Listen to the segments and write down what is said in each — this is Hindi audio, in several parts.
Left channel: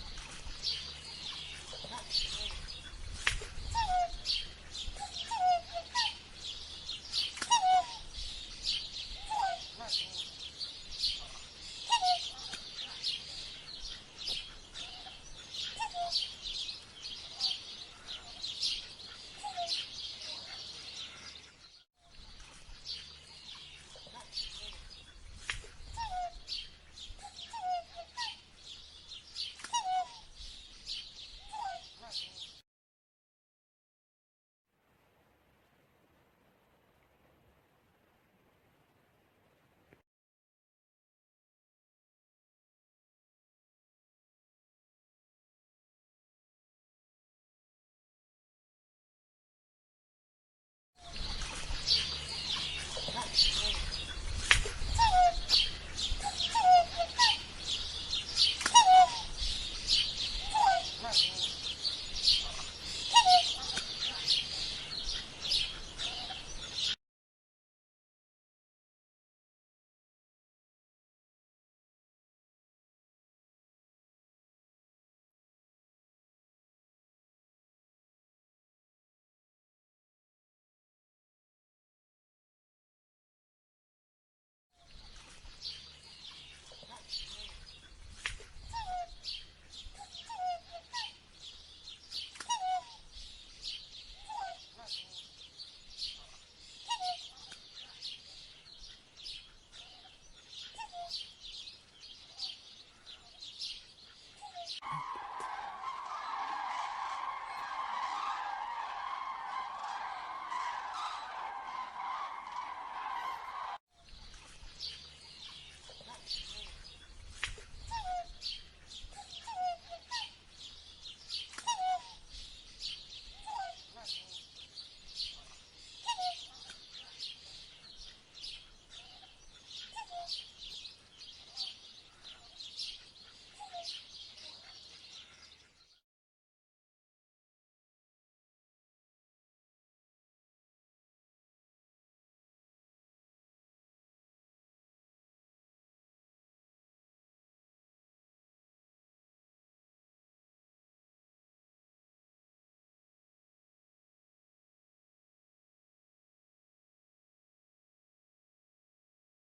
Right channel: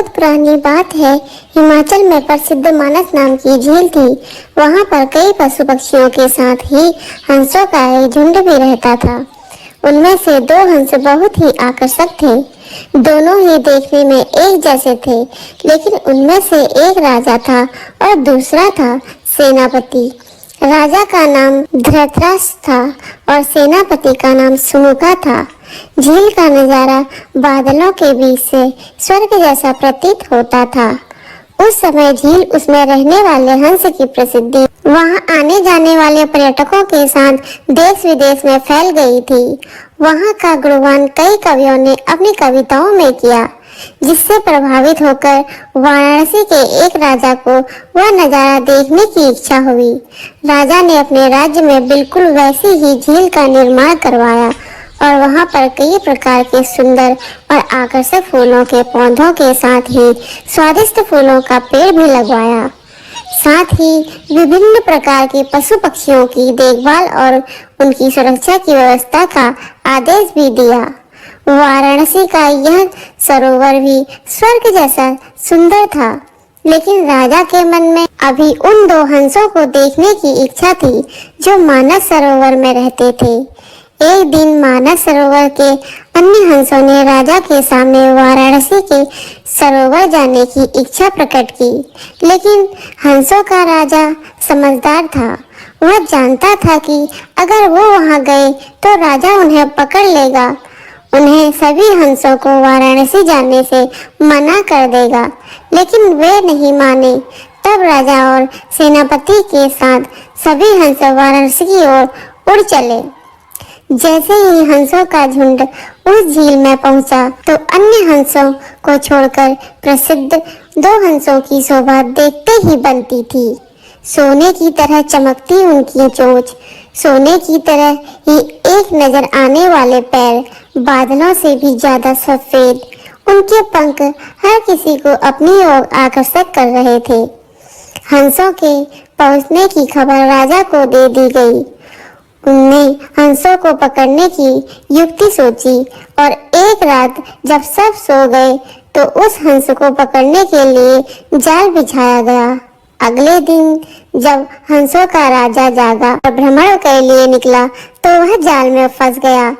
बहुत पुरानी बात है। हिमाचल में प्रसिद्ध मानस नाम की झील थी। वहाँ पर कई पशु पक्षियों के साथ ही हंसों का एक झुंड भी रहता था। उनमें से दो हंस बहुत ही आकर्षक थे। दोनों ही देखने में एक जैसे थे, लेकिन उनमें से एक राजा था और दूसरा था सेनापति। राजा का नाम धृतराष्ट्र था और सेनापति का नाम सुमुखा था। झील का नजारा बादलों के बीच से स्वर्ग जैसा प्रतीत होता था। उस समय झील, उसमें रहने वाले हंस की प्रसिद्धि वहां आने जाने वाले पर्यटकों के साथ देश विदेश में फैल गई थी। वहां का गुणगान कई कवियों ने अपनी कविताओं में किया, जिससे प्रभावित होकर वाराणसी के एक राजा को वह नजारा देखने की इच्छा हुई। राजा ने अपने राज्य में बिल्कुल वैसी ही झील का निर्माण करवाया और वहां पर कई प्रकार के सुंदर और आकर्षक फूलों के पौधों के साथ ही स्वादिष्ट फूलों का पेड़ भी लगवाया। साथ ही विभिन्न प्रकार के पशु पक्षियों की देखभाल और उनकी सुरक्षा की व्यवस्था का आदेश भी दिया। वाराणसी का यह सरोवर भी स्वर्ग जैसा सुंदर था, लेकिन राजा के मन में अभी उन दो हंसों को देखने की इच्छा थी जो मानस सरोवर में रहते थे। एक दिन मानस सरोवर के अन्य हंसों ने राजा के सामने वाराणसी के सरोवर जाने की इच्छा प्रकट की, लेकिन हंसों का राजा समझदार था। वह जानता था कि अगर वो वहां गए तो राजा उन्हें पकड़ लेगा, उन्हें सभी हंसों को वाराणसी जाने से मना कर देगा। लेकिन वे नहीं माने। तब राजा और सेनापति के साथ सभी हंस वाराणसी की ओर उड़ चले। जैसे ही हंसों का झुंड उस झील में पहुंचा तो अन्य हंसों को छोड़कर प्रसिद्ध दो हंसों की शोभा देखते ही बनती थी। सोने की तरह चमकती उनकी चोंच, सोने की तरह ही एक नजर आने वाले पैर, बादलों से भी ज्यादा सफेद उनके पंख हर किसी को अपनी ओर आकर्षित कर रहे थे। हंसों के पहुंचने की खबर राजा को दे दी गई। उनने हंसों को पकड़ने की युक्ति सोची और एक रात जब सब सो गए तो उस हंस को पकड़ने के लिए जाल बिछाया गया। अगले दिन जब हंसों का राजा जागा और भ्रमण के लिए निकला तो वह जाल में फंस गया।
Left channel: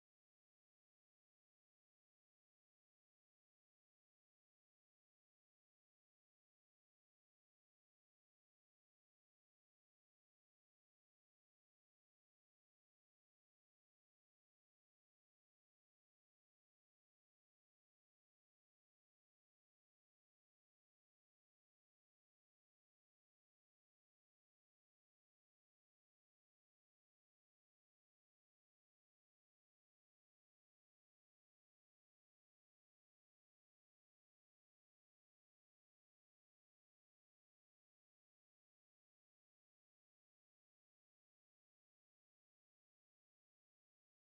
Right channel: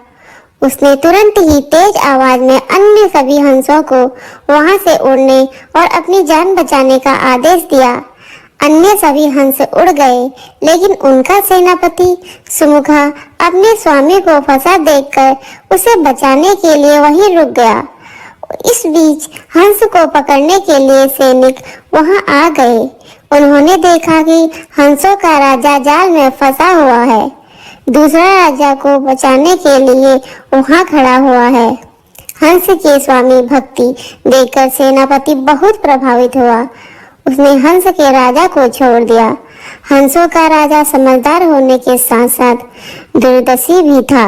उसने तुरंत ही तेज आवाज में अन्य सभी हंसों को वहां से उड़ने और अपनी जान बचाने का आदेश दिया। अन्य सभी हंस उड़ गए, लेकिन उनका सेनापति सुमुखा अपने स्वामी को फंसा देखकर उसे बचाने के लिए वहीं रुक गया। इस बीच हंस को पकड़ने के लिए सैनिक वहां आ गए। उन्होंने देखा कि हंसों का राजा जाल में फंसा हुआ है, दूसरा राजा को बचाने के लिए वहां खड़ा हुआ है। हंस के स्वामी भक्ति देखकर सेनापति बहुत प्रभावित हुआ। उसने हंस के राजा को छोड़ दिया। हंसों का राजा समझदार होने के साथ साथ दूरदर्शी भी था।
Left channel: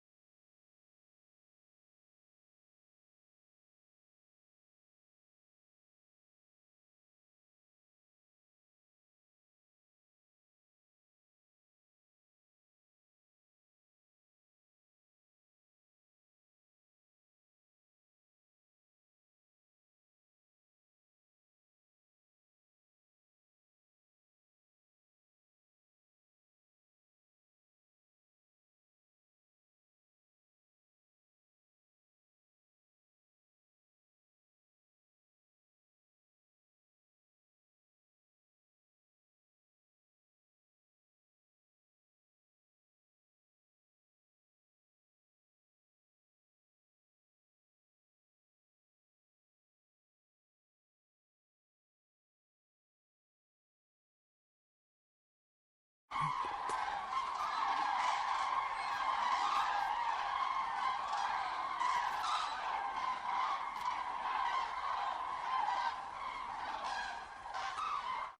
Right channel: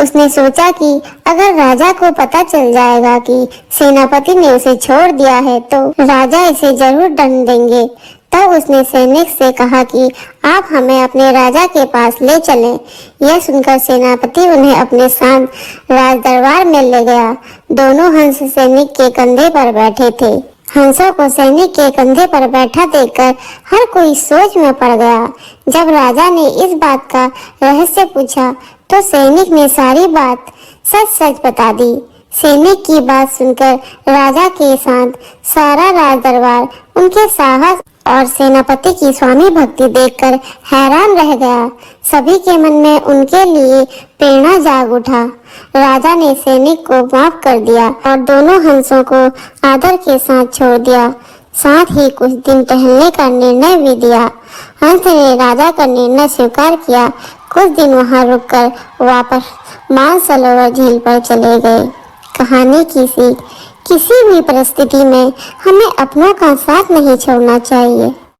उसने सोचा कि अगर राजा को पता चल जाएगा कि सेनापति ने उसे छोड़ दिया है तो राजा इसे जरूर दंड देंगे। तब उसने सैनिक से कहा कि आप हमें अपने राजा के पास ले चलें। यह सुनकर सेनापति उन्हें अपने साथ राज दरबार में ले गया। दोनों हंस सैनिक के कंधे पर बैठे थे। हंसों को सैनिक के कंधे पर बैठा देखकर हर कोई सोच में पड़ गया। जब राजा ने इस बात का रहस्य पूछा तो सैनिक ने सारी बात सच सच बता दी। सैनिक की बात सुनकर राजा के साथ सारा राज दरबार उनके साहस और सेनापति की स्वामी भक्ति देखकर हैरान रह गया। सभी के मन में उनके लिए प्रेरणा जाग उठा। राजा ने सैनिक को माफ कर दिया और दोनों हंसों को आदर के साथ छोड़ दिया। साथ ही कुछ दिन टहलने का निर्णय भी दिया। हंस ने राजा का निर्णय स्वीकार किया। कुछ दिन वहां रुककर वापस मानसरोवर झील पर चले गए। कहानी की सीख, किसी भी परिस्थिति में हमें अपनों का साथ नहीं छोड़ना चाहिए।